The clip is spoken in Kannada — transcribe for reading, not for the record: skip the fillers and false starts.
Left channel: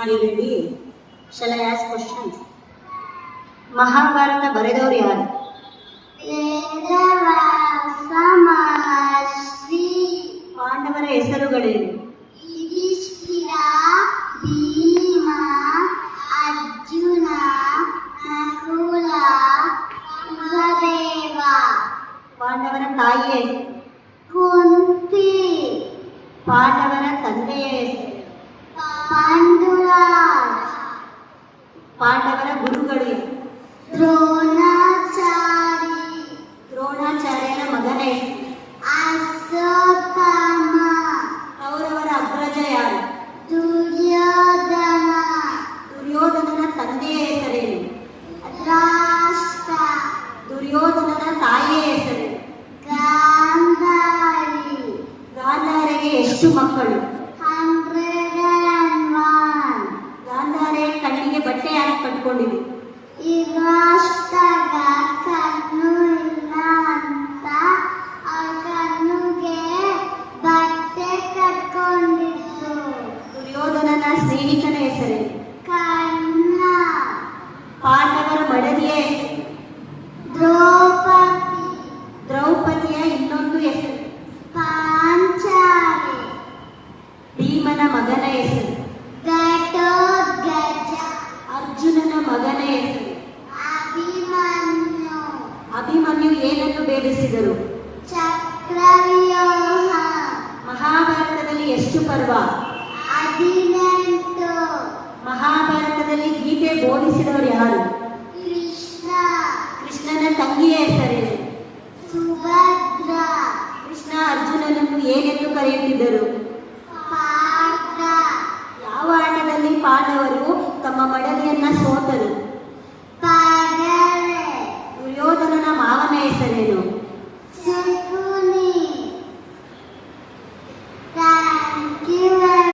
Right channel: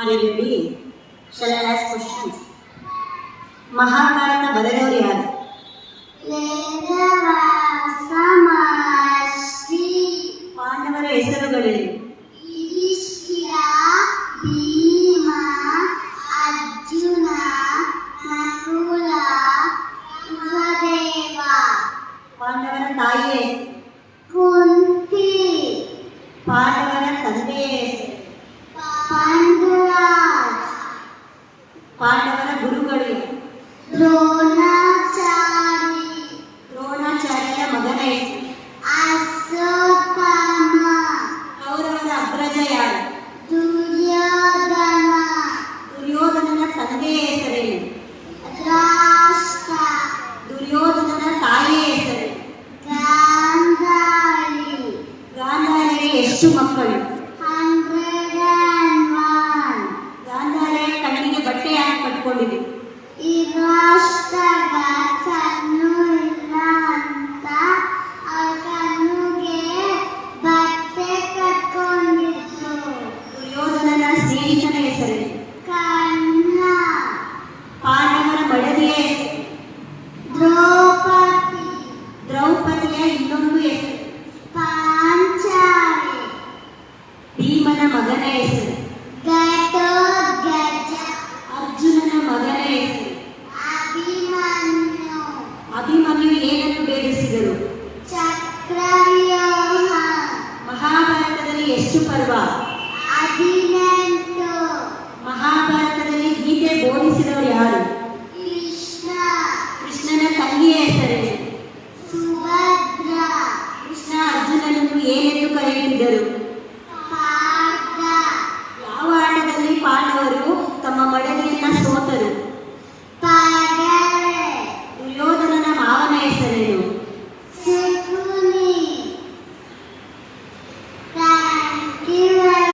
Are you ready? Shall I ask questions? Mahabharata ಬರೆದವರು ಯಾರು? ವೇದವ್ಯಾಸ ಮಹರ್ಷಿ. ಪಾಂಡವರ ಹೆಸರುಗಳೇನು? ಯುಧಿಷ್ಠಿರ, ಭೀಮ, ಅರ್ಜುನ, ನಕುಲ, ಸಹದೇವ. ಪಾಂಡವರ ತಾಯಿಯ ಹೆಸರು? ಕುಂತಿ. ಪಾಂಡವರ ತಂದೆಯ ಹೆಸರು? ಪಾಂಡುರಾಜ್. ಪಾಂಡವರ ಗುರುಗಳು? ದ್ರೋಣಾಚಾರಿ. ದ್ರೋಣಾಚಾರ್ಯರ ಮಗನ ಹೆಸರು? ಅಶ್ವತ್ಥಾಮ. ಕೌರವರ ಅಗ್ರಜ ಯಾರು? ದುರ್ಯೋಧನ. ದುರ್ಯೋಧನನ ತಂದೆಯ ಹೆಸರೇನು? ರಾಷ್ಟ್ರ. ದುರ್ಯೋಧನನ ತಾಯಿಯ ಹೆಸರು? ಗಾಂಧಾರಿ. ಗಾಂಧಾರಿಗೆ ಎಷ್ಟು ಮಕ್ಕಳು? 101. ಗಾಂಧಾರಿಯ ಕಣ್ಣಿಗೆ ಬಟ್ಟೆ ಯಾಕೆ ಕಟ್ಕೊಂಡಿದೆ? ಈ ರಾಷ್ಟ್ರದ ಕಣ್ಣು ಇಲ್ಲ ಅಂತ ಆ ಕಣ್ಣುಗೆ ಬಟ್ಟೆ ಕಟ್ಕೊಂಡಿದ್ರು. ದುರ್ಯೋಧನನ ಸ್ನೇಹಿತನ ಹೆಸರು? ಕರ್ಣ. ಪಾಂಡವರ ಮಡದಿಯ ಹೆಸರು? ದ್ರೌಪದಿ. ದ್ರೌಪದಿಯ ಇನ್ನೊಂದು ಹೆಸರು? ಪಾಂಚಾಲಿ. ಭೀಮನ ಮಗನ ಹೆಸರು? ಘಟೋತ್ಕಚ. ಅರ್ಜುನನ ಮಗನ ಹೆಸರು? ಅಭಿಮನ್ಯು. ಅಭಿಮನ್ಯು ಏನನ್ನು ಬೇಡಿಸಿದರು? ಚಕ್ರವ್ಯೂಹ. ಮಹಾಭಾರತದಲ್ಲಿ ಎಷ್ಟು ಪರ್ವ? 18. ಮಹಾಭಾರತದಲ್ಲಿ ಗೀತೆ ಬೋಧಿಸಿದವರು ಯಾರು? ಕೃಷ್ಣ. ಕೃಷ್ಣನ ತಂಗಿಯ ಹೆಸರೇನು? ಸುಭದ್ರ. ಕೃಷ್ಣ ಅರ್ಜುನನನ್ನು ಏನೆಂದು ಕರೆಯುತ್ತಿದ್ದರು? ಪಾರ್ಥ. ಯಾವ ಆಟದಲ್ಲಿ ಪಾಂಡವರು ತಮ್ಮ ಮಡದಿಯನ್ನ ಸೋತರು? ಪಗಡೆ. ದುರ್ಯೋಧನನ ಮಾವನ ಹೆಸರೇನು?